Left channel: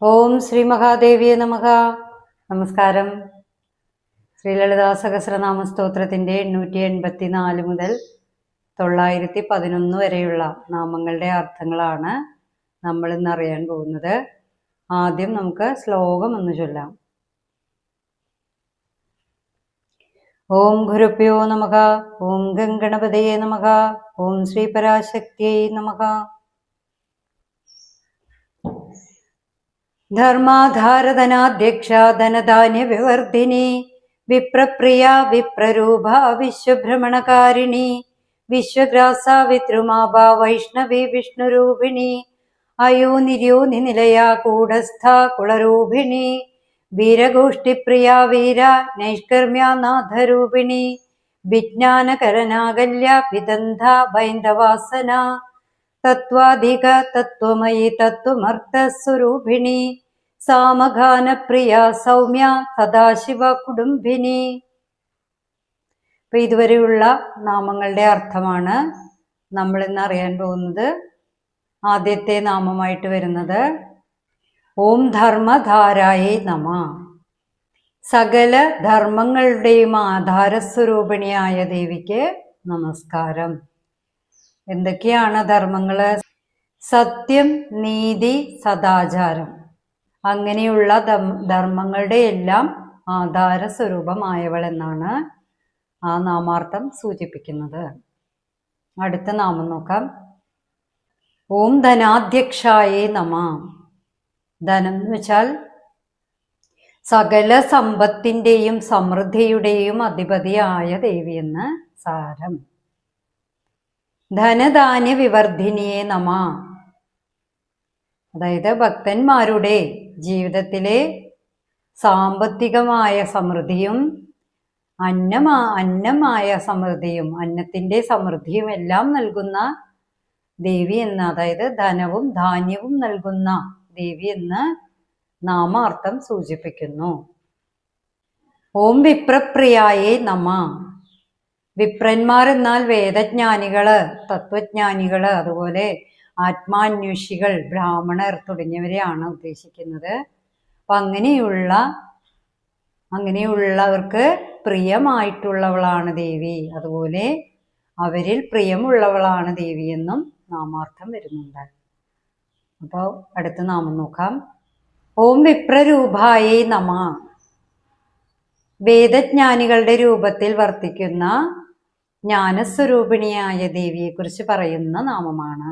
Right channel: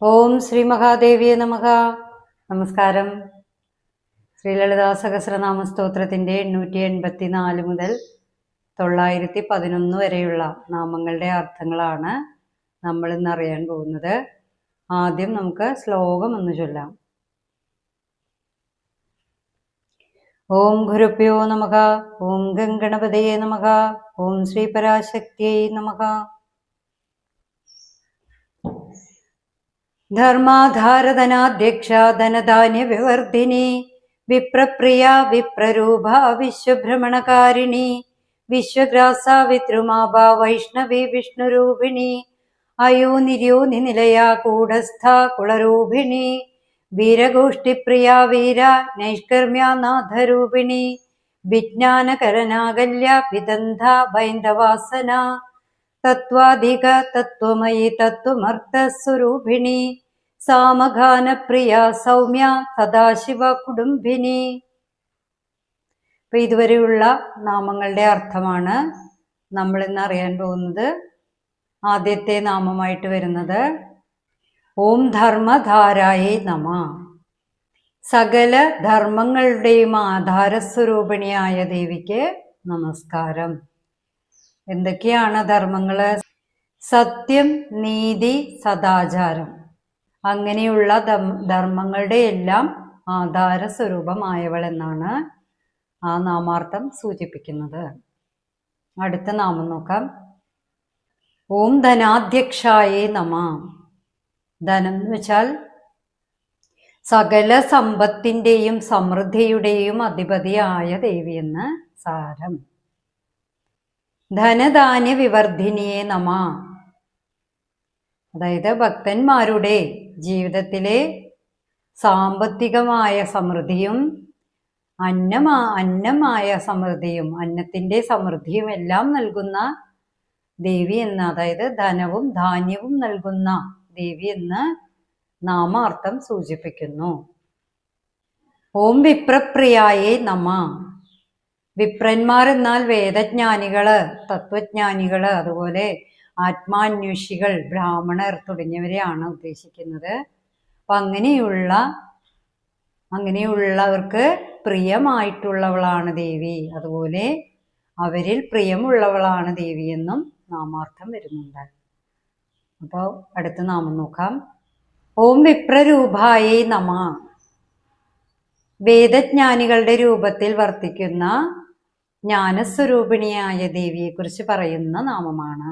ഓം ശ്രീ മഹാദേവിയെ നമഃ. നമസ്കാരം. ശ്രീ ലളിതാ സഹസ്രനാമ സ്തോത്രത്തിൻ്റെ 884 മുതൽ 911 വരെയുള്ള നാമങ്ങളുടെ അർത്ഥങ്ങളാണ് നമ്മൾ ഇന്ന് അറിയാൻ പോകുന്നത്. ആദ്യം നമുക്ക് ശ്ലോകം ഒന്ന് ചൊല്ലാം. ഓം ഗുരുഭ്യോ നമഃ. ഓം ഗംഗണപതയേ നമഃ. ഓം ശ്രീ പരാശക്തിയേ നമഃ. ധർമാധാരധനാധ്യക്ഷ ധനധാന്യ വിവർധിനി വിപ്രപ്രിയ വിപ്രരൂപ വിശ്വഭ്രമണകാരിണി വിശ്വഗ്രാസ വിദ്രുമാഭ വൈഷ്ണവി വിഷ്ണുരൂപിണി അയോനിര്യോനി നിലയ കൂടസ്ഥ കുളരൂപിണി വീരഗോഷ്ഠിപ്രിയ വീര നൈഷ്കർമ്യനാഥരൂപിണി വിജ്ഞാനകരനാകല്യ വിദന്ധ ബൈന്ദവാസന തത്വാധിക തത്വമയി തത്വമർത്ഥസ്വരൂപിണി സാമഗാനപ്രിയ സൗമ്യ സദാശിവ കുടുംബിനി. അപ്പൊ ഇതുവരെയുള്ള നാമങ്ങളുടെ അർത്ഥമാണ് നമ്മൾ ഇന്ന് അറിയാൻ പോകുന്നത്. ആദ്യത്തെ നാമമായിട്ട് വരുന്നത് ഓം ധർമ്മധാരായേ നമ. സകല ധർമ്മങ്ങളുടെയും ആധാരസ്വരൂപിണിയായ ദേവിക്ക് നമസ്കാരം. എന്തൊക്കെയാണ് ധർമ്മങ്ങള്? സത്യം, നീതി, സദാചാരം, അങ്ങനെയുള്ള ധർമ്മങ്ങളുടെ എല്ലാം ആധാര സ്വരൂപമായവൾ എന്നാണ് ആ നാമാർത്ഥം സൂചിപ്പിക്കുന്നത്. അടുത്ത നാമം നോക്കാം. ഓം ധനാധ്യക്ഷായേ നമ. ധനം എന്ന് വെച്ചാൽ സകല സമ്പത്തിൻ്റെയും സമൃദ്ധിയുടെയും അധിപതിയായ ദേവിയെന്ന് സാരം. ധനധാന്യ വിവർധിനിയെ നമ. അതായത് ഭക്തന്മാരുടെ ജീവിതത്തിലെ സാമ്പത്തികമായ സമൃദ്ധിയും അന്നമായ സമൃദ്ധിയും അന്നത്തിൻ്റെ സമൃദ്ധിയും എല്ലാം നൽകുന്ന ദേവി എന്ന്, അതായത് ധനവും ധാന്യവും നൽകുന്ന ദേവി എന്ന് നാമാർത്ഥം സൂചിപ്പിക്കുന്നു. ഓം വിപ്രപ്രിയായേ നമ. വിപ്രന്മാർ എന്നാൽ വേദജ്ഞാനികള്, തത്വജ്ഞാനികള്, അതുപോലെ ആത്മാന്വേഷികൾ, ബ്രാഹ്മണർ തുടങ്ങിയവരെയാണ് ഉദ്ദേശിക്കുന്നത്. അപ്പൊ അങ്ങനെയുള്ളവർക്ക് പ്രിയമായിട്ടുള്ളവളാണ് ദേവി, അതുപോലെ അവരിൽ പ്രിയമുള്ളവളാണ് ദേവി എന്നും നാമാർത്ഥം വരുന്നുണ്ട്. അപ്പോൾ അടുത്ത നാമം നോക്കാം. ഓം വിപ്രരൂപായേ നമ. വേദജ്ഞാനികളുടെ രൂപത്തിൽ വർത്തിക്കുന്ന ജ്ഞാനസ്വരൂപിണിയായ ദേവിയെക്കുറിച്ച് പറയുന്ന നാമമാണ്.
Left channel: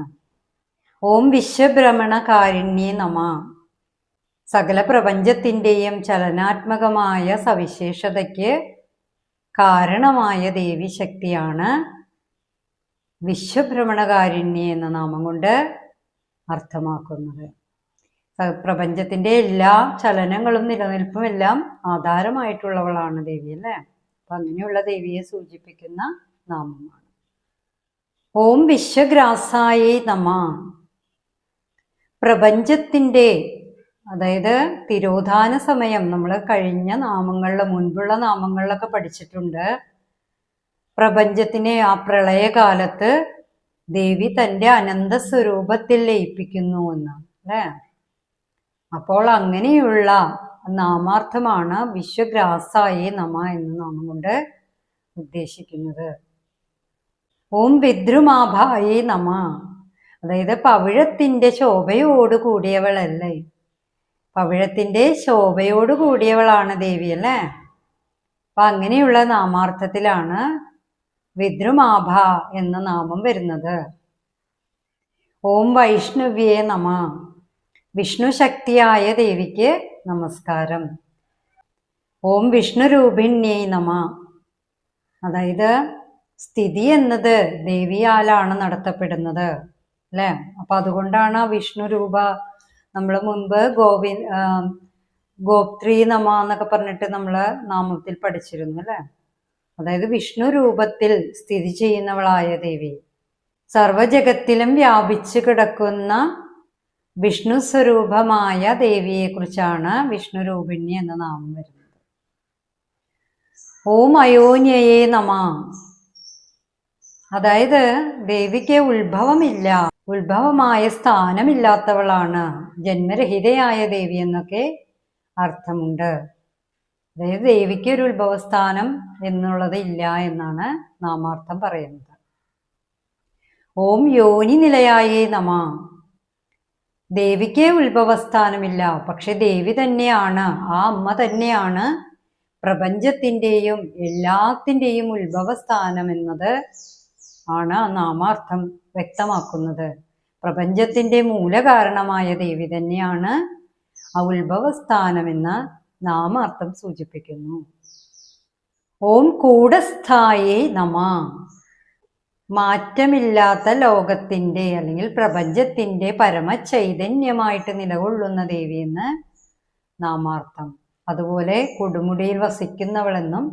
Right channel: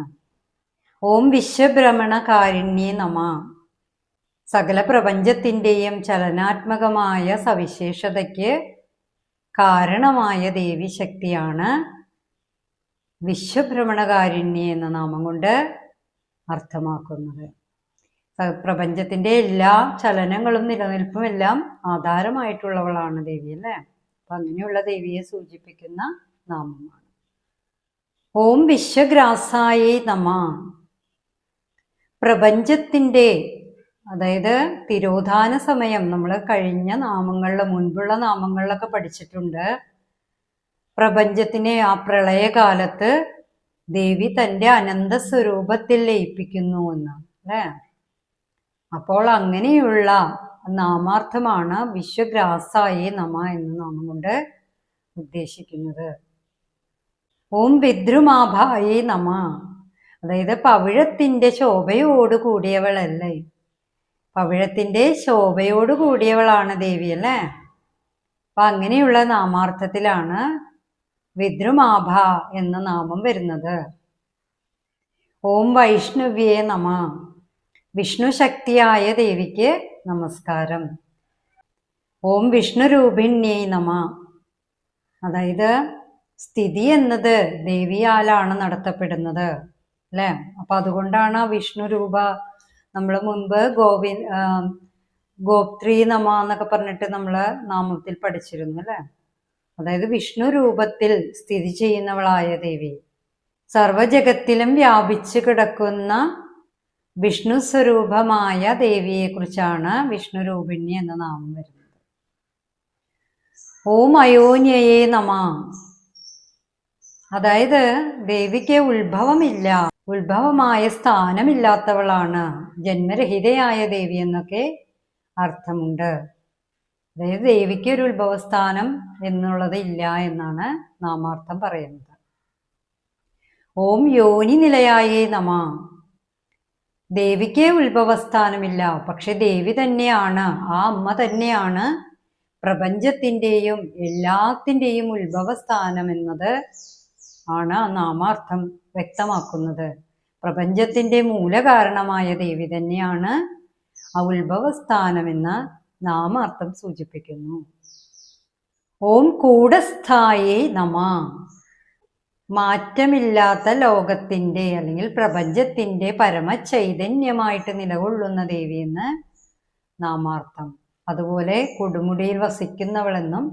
ഓം വിശ്വഭ്രമണകാരിണ്യേ നമ. സകല പ്രപഞ്ചത്തിൻ്റെയും ചലനാത്മകമായ സവിശേഷതയ്ക്ക് കാരണമായ ദേവി ശക്തിയാണ് വിശ്വഭ്രമണകാരിണ്യ എന്ന നാമം കൊണ്ട് അർത്ഥമാക്കുന്നത്. പ്രപഞ്ചത്തിൻ്റെ എല്ലാ ചലനങ്ങളും നിലനിൽപ്പും എല്ലാം ആധാരമായിട്ടുള്ളവളാണ് ദേവി, അല്ലേ? അപ്പൊ അങ്ങനെയുള്ള ദേവിയെ സൂചിപ്പിക്കുന്ന നാമമാണ്. ഓം വിശ്വഗ്രാസായേ നമ. പ്രപഞ്ചത്തിൻ്റെ, അതായത് തിരോധാന സമയം നമ്മൾ കഴിഞ്ഞ മുൻപുള്ള നാമങ്ങളിലൊക്കെ പഠിച്ചിട്ടുണ്ട്. പ്രപഞ്ചത്തിനെ ആ പ്രളയകാലത്ത് ദേവി തൻ്റെ അനന്ത സ്വരൂപത്തിൽ ലയിപ്പിക്കുന്നു എന്ന്, അല്ലേ? അപ്പോൾ അങ്ങനെയുള്ള നാമാർത്ഥമാണ് വിശ്വഗ്രാസായേ നമ എന്ന നാമം കൊണ്ട് ഉദ്ദേശിക്കുന്നത്. ഓം വിദ്രുമാഭായേ നമ. അതായത് പവിഴത്തിൻ്റെ ശോഭയോട് കൂടിയവളല്ലേ, പവിഴത്തിൻ്റെ ശോഭയോട് കൂടിയവളാണ് ദേവി, അല്ലേ? അപ്പൊ അങ്ങനെയുള്ള നാമാർത്ഥത്തിലാണ് വിദ്രുമാഭ എന്ന നാമം വരുന്നത്. ഓം വൈഷ്ണവ്യേ നമ. വിഷ്ണു ശക്തിയായ ദേവിക്ക് നമസ്കാരം. ഓം വിഷ്ണുരൂപിണ്യേ നമ. അതായത് സ്ഥിതി എന്നത് ദേവിയാലാണ് നടത്തപ്പെടുന്നത്, അല്ലേ? അപ്പൊ അതുകൊണ്ടാണ് വിഷ്ണു രൂപ നമ്മൾ മുൻപ് ഗോപ്ത്രീ നമ എന്നൊക്കെ പറഞ്ഞിട്ട് നമ്മൾ നാമത്തിൽ പഠിച്ചിരുന്നു, അല്ലേ? അതായത് വിഷ്ണു രൂപത്തിൽ സ്ഥിതി ചെയ്യുന്നവളായ ദേവി, സർവജഗത്തിലും വ്യാപിച്ചു കിടക്കുന്ന വിഷ്ണു സ്വരൂപമായ ദേവിയെ കുറിച്ചാണ് വിഷ്ണു രൂപിണി എന്ന നാമം വരുന്നത്. ഓം അയോന്യയേ നമ. അതായത് ദേവിക്ക് ഉത്ഭവമില്ല, ഉത്ഭവമായ സ്ഥാനമില്ലാത്തവളാണ്, ജന്മരഹിതയായ ദേവി എന്നൊക്കെ അർത്ഥമുണ്ട്. അതായത് ദേവിക്ക് ഒരു ഉത്ഭവസ്ഥാനം എന്നുള്ളത് ഇല്ല എന്നാണ് നാമാർത്ഥം പറയുന്നത്. ഓം യോനി നിലയായേ നമ. ദേവിക്ക് ഉത്ഭവസ്ഥാനമില്ല, പക്ഷെ ദേവി തന്നെയാണ്, ആ അമ്മ തന്നെയാണ് പ്രപഞ്ചത്തിൻ്റെയും എല്ലാത്തിൻ്റെയും ഉത്ഭവസ്ഥാനം എന്നത് ആണ് നാമാർത്ഥം വ്യക്തമാക്കുന്നത്. പ്രപഞ്ചത്തിൻ്റെ മൂലകാരണമായ ദേവി തന്നെയാണ് ആ ഉത്ഭവസ്ഥാനമെന്ന നാമാർത്ഥം സൂചിപ്പിക്കുന്നു. ഓം കൂടസ്ഥായേ നമ. മാറ്റമില്ലാത്ത ലോകത്തിൻ്റെ അല്ലെങ്കിൽ പ്രപഞ്ചത്തിൻ്റെ പരമചൈതന്യമായിട്ട് നിലകൊള്ളുന്ന ദേവി എന്ന് നാമാർത്ഥം. അതുപോലെ കൊടുമുടിയിൽ വസിക്കുന്നവളെന്നും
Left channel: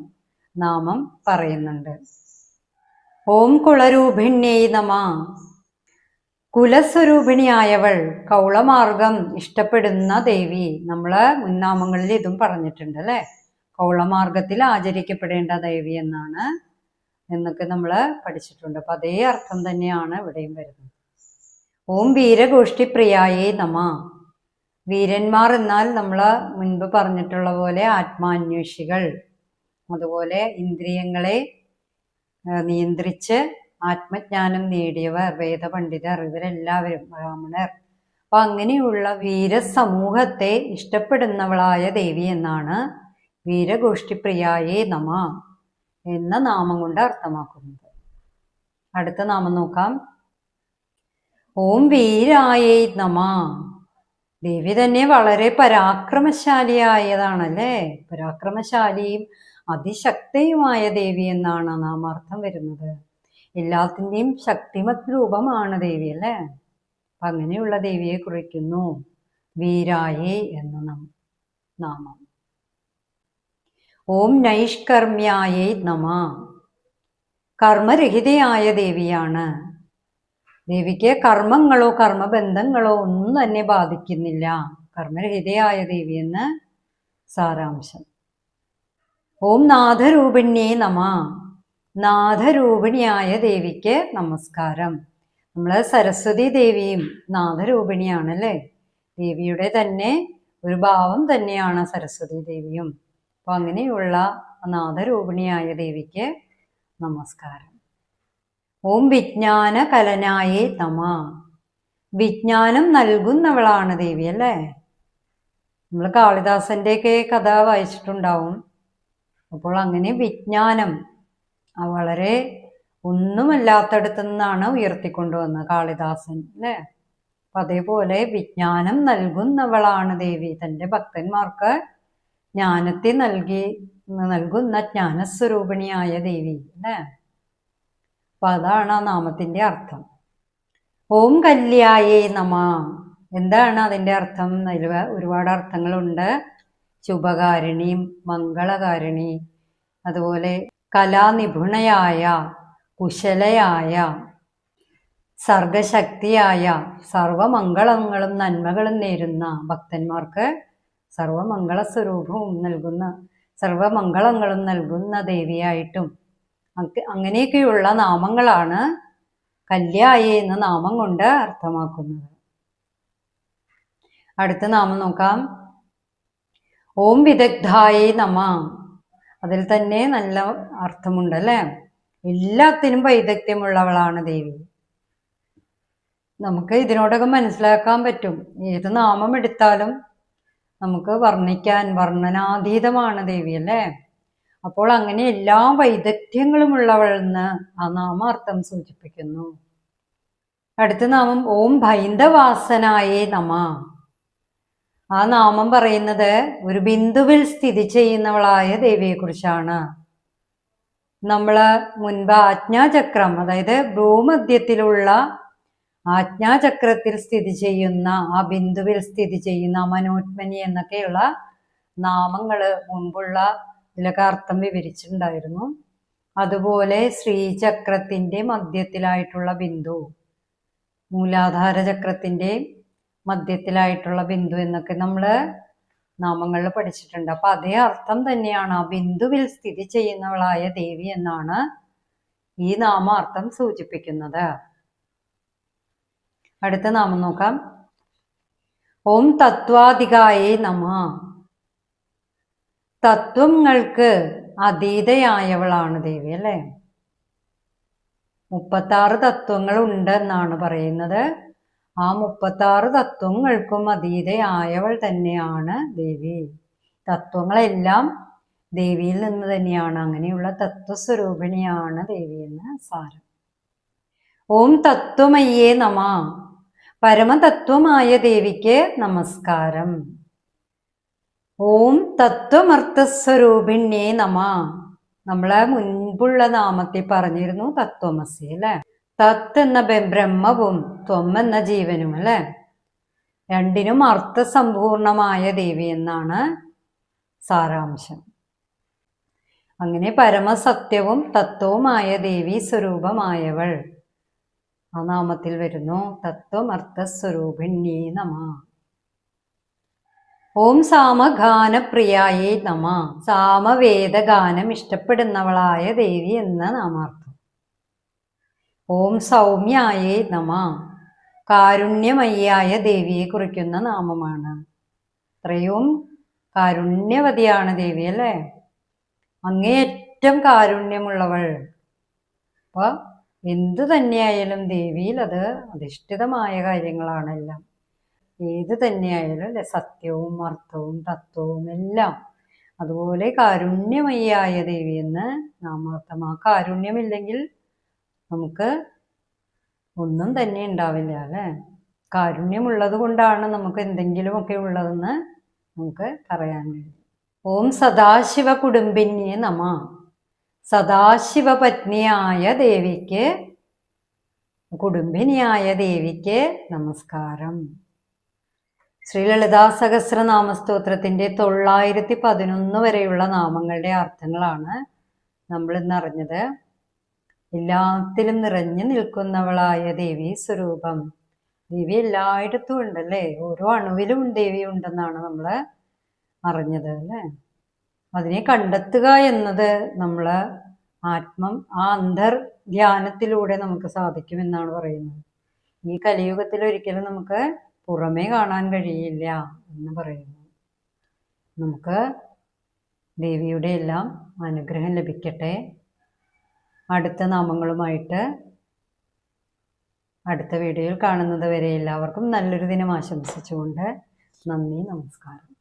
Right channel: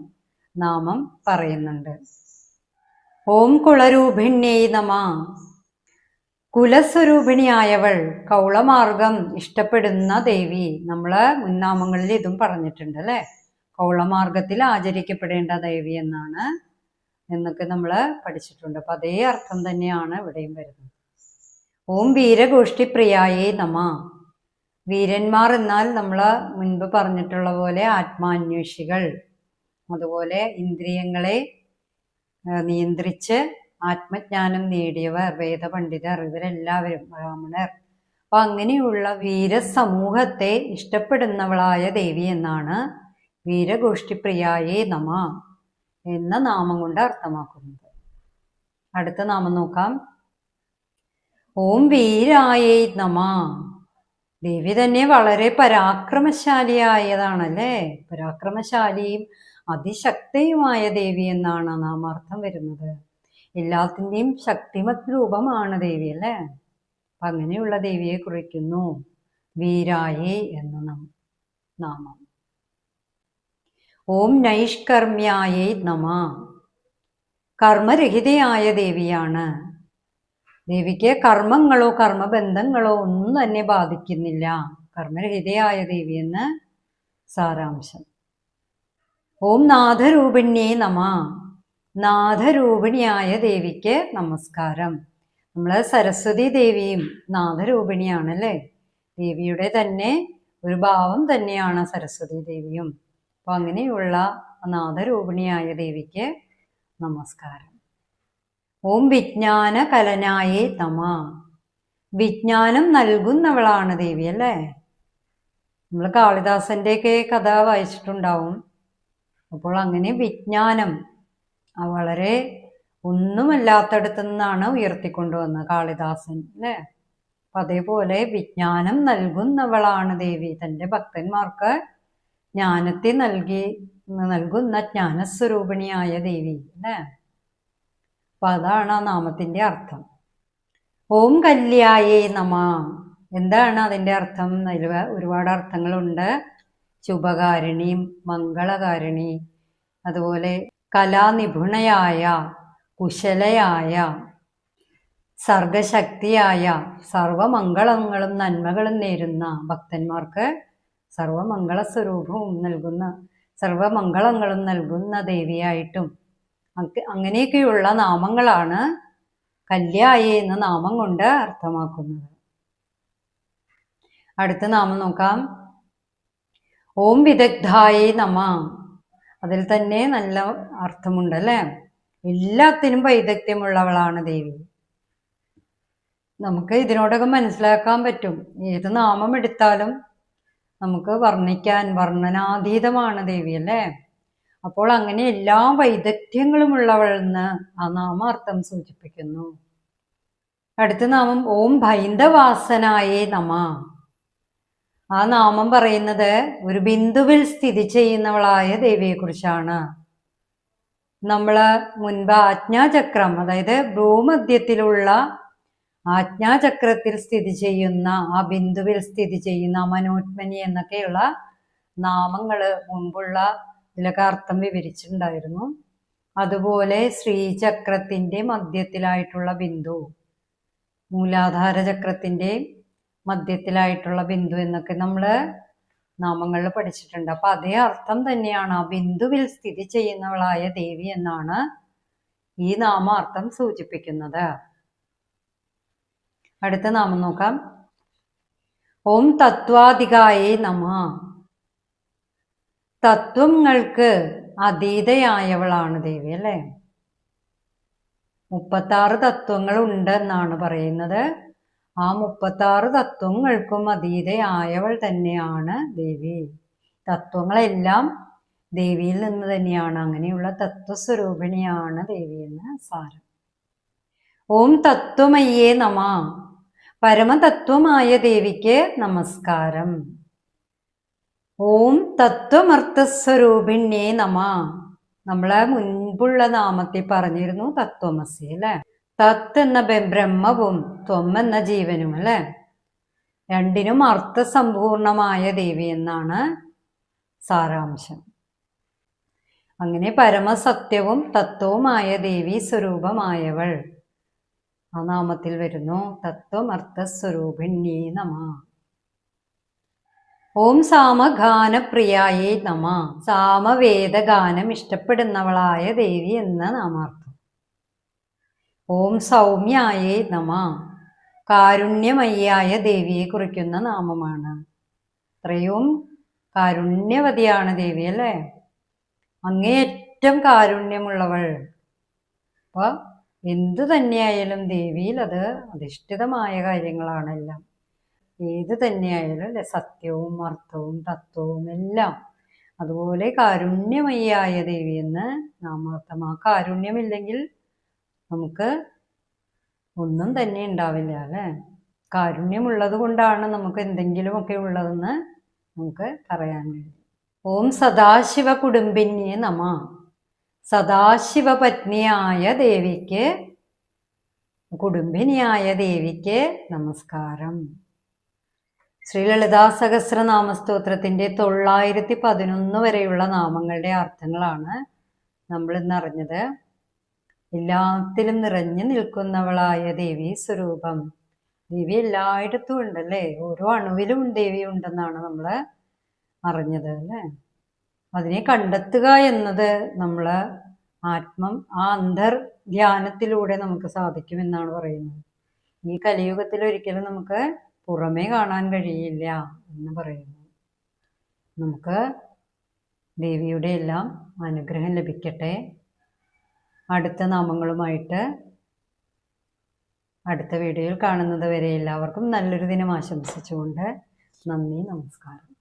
നാമം പറയുന്നുണ്ട്. ഓം കുളരൂപിണ്യേ നമ. കുലസ്വരൂപിണിയായവൾ, കൗളമാർഗം ഇഷ്ടപ്പെടുന്ന ദേവി. നമ്മള് മുൻനാമങ്ങളിൽ ഇതും പറഞ്ഞിട്ടുണ്ട് അല്ലെ, കൗളമാർഗത്തിൽ ആചരിക്കപ്പെടേണ്ട ദേവി എന്നാണ് എന്നൊക്കെ നമ്മൾ പഠിച്ചിട്ടുണ്ട്. അപ്പൊ അതേ അർത്ഥം തന്നെയാണ് ഇവിടെയും വരുന്നത്. ഓം വീരഗോഷ്ഠി പ്രിയായേ നമ. വീരന്മാർ എന്നാൽ നമ്മൾ മുൻപ് പറഞ്ഞിട്ടുള്ള പോലെ ആത്മാന്വേഷികൾ, അതുപോലെ ഇന്ദ്രിയങ്ങളെ നിയന്ത്രിച്ച് ആത്മജ്ഞാനം നേടിയവർ, വേദപണ്ഡിതർ, ഇവരെല്ലാവരും ബ്രാഹ്മണർ. അപ്പൊ അങ്ങനെയുള്ള വീരസമൂഹത്തെ ഇഷ്ടപ്പെടുന്നവളായ ദേവി എന്നാണ് വീരഗോഷ്ഠിപ്രിയായേ നമ എന്ന നാമം കൊണ്ട് അർത്ഥമാക്കുന്നത്. അടുത്ത നാമം നോക്കാം. ഓം വീരായേ നമ. ദേവി തന്നെ വളരെ പരാക്രമശാലിയായതാണല്ലേ, പരാക്രമശാലിയും അതിശക്തിയുമായ ദേവി എന്നാണ് നാമാർത്ഥം വരുന്നത്. എല്ലാത്തിൻ്റെയും ശക്തിമത് രൂപമാണ് ദേവി അല്ലേ. അപ്പം അങ്ങനെയുള്ള ദേവിയെ കുറിക്കുന്നു വീരായേ എന്ന നാമം. ഓം നൈഷ്കർമ്മ്യായേ നമ. കർമ്മരഹിതയായ ദേവിയാണ്. ദേവിക്ക് കർമ്മങ്ങളോ കർമ്മബന്ധങ്ങളോ ഒന്നും തന്നെ ബാധിക്കുന്നില്ല. കർമ്മരഹിതയായ ദേവി എന്ന് സാരാംശം. ഓം നാഥരൂപിണ്യേ നമ. നാഥരൂപിണിയായ ദേവിക്ക് നമസ്കാരം. നമ്മൾ സരസ്വതി ദേവിയും നാഥരൂപിണിയാണല്ലേ, ദേവിയുടെ തന്നെ ഒരു ഭാവം തന്നെയാണ് സരസ്വതി ദേവിയും. അപ്പം അങ്ങനെയുള്ള നാഥരൂപിണിയായ ദേവിക്ക് നമസ്കാരം. ഓം വിജ്ഞാന കലനായേ നമ. വിജ്ഞാനം നൽകുന്നവളാണ് ദേവി അല്ലേ. നമ്മൾ കാളിദാസൻ്റെയൊക്കെ കഥ വായിച്ചിട്ടുണ്ടാവും. അപ്പോൾ അങ്ങനെ വിജ്ഞാനം വളരെ ഒന്നുമല്ലാത്തടത്തു നിന്നാണ് ഉയർത്തിക്കൊണ്ടുവന്നത് കാളിദാസൻ അല്ലേ. അപ്പം അതേപോലെ വിജ്ഞാനം നൽകുന്നവളാണ് ദേവി. തൻ്റെ ഭക്തന്മാർക്ക് ജ്ഞാനത്തെ നൽകുന്ന ജ്ഞാനസ്വരൂപിണിയായ ദേവി അല്ലേ. അപ്പം അതാണ് ആ നാമത്തിൻ്റെ അർത്ഥം. ഓം കല്യായേ നമ. എന്താണ് അതിൻ്റെ അർത്ഥം? അതിൽ ഒരുപാട് അർത്ഥങ്ങളുണ്ട്. ശുഭകാരിണി, മംഗളകാരിണി, അതുപോലെ കലാനിപുണയായ, കുശലയായ, സർഗശക്തിയായ, സർവമംഗളങ്ങളും നന്മകളും നേരുന്ന ഭക്തന്മാർക്ക് സർവമംഗള സ്വരൂപവും നൽകുന്ന, സർവമംഗളങ്ങളും നൽകുന്ന ദേവിയായിട്ടും അങ്ങനെയൊക്കെയുള്ള നാമങ്ങളാണ് കല്യായി എന്ന നാമം കൊണ്ട് അർത്ഥമാക്കുന്നത്. അടുത്ത നാമം നോക്കാം. ഓം വിദഗ്ധായേ നമ. അതിൽ തന്നെ നല്ല അർത്ഥമുണ്ട് അല്ലേ. എല്ലാത്തിനും വൈദഗ്ധ്യമുള്ളവളാണ് ദേവി. നമുക്ക് ഇതിനോടൊക്കെ മനസ്സിലാക്കാൻ പറ്റും. ഏത് നാമം എടുത്താലും നമുക്ക് വർണ്ണനാതീതമാണ് ദേവി അല്ലേ. അപ്പോൾ അങ്ങനെ എല്ലാ വൈദഗ്ധ്യങ്ങളും ഉള്ളവളെന്ന് ആ നാമാർത്ഥം സൂചിപ്പിക്കുന്നു. അടുത്ത നാമം ഓം ഭൈന്ദവാസനായേ നമ. ആ നാമം പറയുന്നത് ഒരു ബിന്ദുവിൽ സ്ഥിതി ചെയ്യുന്നവളായ ദേവിയെക്കുറിച്ചാണ്. നമ്മൾ മുൻപ് ആജ്ഞാചക്രം, അതായത് ഭ്രൂമധ്യത്തിലുള്ള ആജ്ഞാചക്രത്തിൽ സ്ഥിതി ചെയ്യുന്ന, ആ ബിന്ദുവിൽ സ്ഥിതി ചെയ്യുന്ന മനോത്മനി എന്നൊക്കെയുള്ള നാമങ്ങൾ മുൻപുള്ള ഇതിലൊക്കെ അർത്ഥം വിവരിച്ചിട്ടുണ്ടായിരുന്നു. അതുപോലെ ശ്രീചക്രത്തിൻ്റെ മധ്യത്തിലായിട്ടുള്ള ബിന്ദു, മൂലാധാര ചക്രത്തിൻ്റെ മധ്യത്തിലായിട്ടുള്ള ബിന്ദു എന്നൊക്കെ നമ്മൾ നാമങ്ങളിൽ പഠിച്ചിട്ടുണ്ട്. അപ്പം അതേ അർത്ഥം തന്നെയാണ്. ആ ബിന്ദുവിൽ സ്ഥിതി ചെയ്യുന്നവളായ ദേവി എന്നാണ് ഈ നാമാർത്ഥം സൂചിപ്പിക്കുന്നത്. അടുത്ത നാമം നോക്കാം. ഓം തത്വാധികായേ നമ. തത്വങ്ങൾക്ക് അതീതയായവളാണ് ദേവി അല്ലേ. 36 തത്വങ്ങൾ ഉണ്ട് എന്നാണ് പറയുന്നത്. ആ 36 തത്വങ്ങൾക്കും അതീതയായവൾ തന്നെയാണ് ദേവി. തത്വങ്ങളെല്ലാം ദേവിയിൽ നിന്ന് തന്നെയാണ്. അങ്ങനെയുള്ള തത്വസ്വരൂപിണിയാണ് ദേവി എന്ന് സാരം. ഓം തത്വമയ്യേ നമ. പരമതത്വമായ ദേവിക്ക് നമസ്കാരം. ഓം തത്വമർത്ഥസ്വരൂപിണ്യേ നമ. നമ്മളെ മുൻപുള്ള നാമത്തിൽ പറഞ്ഞിരുന്നു തത്വമസി അല്ലെ. തത്ത് എന്ന ബ്രഹ്മവും ത്വം എന്ന ജീവനും അല്ലെ. രണ്ടിനും അർത്ഥസമ്പൂർണമായ ദേവി എന്നാണ് സാരാംശം. അങ്ങനെ പരമസത്യവും തത്വവുമായ ദേവി സ്വരൂപമായവൾ ആ നാമത്തിൽ വരുന്നു. തത്വമർത്ഥസ്വരൂപിണ്യേ നമ. ഓം സാമഗാനപ്രിയായേ നമ. സാമവേദഗാനം ഇഷ്ടപ്പെടുന്നവളായ ദേവി എന്ന നാമാർത്ഥം. ഓം സൗമ്യായേ നമ. കാരുണ്യമയ്യായ ദേവിയെ കുറിക്കുന്ന നാമമാണ്. അത്രയും കാരുണ്യവതിയാണ് ദേവി അല്ലേ. അങ്ങേയറ്റം കാരുണ്യമുള്ളവൾ. അപ്പൊ എന്തു തന്നെയായാലും ദേവിയിൽ അത് അധിഷ്ഠിതമായ കാര്യങ്ങളാണെല്ലാം. ഏത് തന്നെയായാലും അല്ലെ, സത്യവും അർത്ഥവും തത്വവും എല്ലാം. അതുപോലെ കാരുണ്യമയ്യായ ദേവി എന്ന് നാമാർത്ഥം. ആ കാരുണ്യമില്ലെങ്കിൽ നമുക്ക് ഒന്നും തന്നെ ഉണ്ടാവില്ല അല്ലെ. കാരുണ്യമുള്ളത് കൊണ്ടാണ് നമുക്ക് എന്തെങ്കിലുമൊക്കെ ഉള്ളതെന്ന് നമുക്ക് പറയാൻ കഴിയും. ഓം സദാശിവ കുടുംബിന്യേ നമ. സദാശിവ പത്നിയായ ദേവിക്ക്, കുടുംബിനിയായ ദേവിക്ക് നമസ്കാരം. ശ്രീ ലളിതാ സഹസ്രനാമ സ്തോത്രത്തിന്റെ 911 വരെയുള്ള നാമങ്ങളുടെ അർത്ഥങ്ങളാണ് നമ്മൾ ഇന്ന് അറിഞ്ഞത്. എല്ലാത്തിലും നിറഞ്ഞു നിൽക്കുന്നവളായ ദേവി സ്വരൂപം. ദേവി എല്ലായിടത്തും ഉണ്ടല്ലേ. ഓരോ അണുവിലും ദേവി ഉണ്ടെന്നാണ് നമ്മൾ അറിഞ്ഞത് അല്ലേ. അതിനെ കണ്ടെത്തുക എന്നത് നമ്മൾ ആ അന്തർധ്യാനത്തിലൂടെ നമുക്ക് സാധിക്കുമെന്നാണ് പറയുന്നത്. ഈ കലിയുഗത്തിൽ ഒരിക്കലും നമുക്ക് പുറമേ കാണാൻ കഴിയില്ല എന്ന് പറയുന്നു. നമുക്ക് ദേവിയുടെ എല്ലാം അനുഗ്രഹം ലഭിക്കട്ടെ. അടുത്ത നാമങ്ങളുമായിട്ട് അടുത്ത വീഡിയോയിൽ കാണുന്നത് വരെ എല്ലാവർക്കും നല്ലൊരു ദിനം ആശംസിച്ചുകൊണ്ട് നന്ദി, നമസ്കാരം.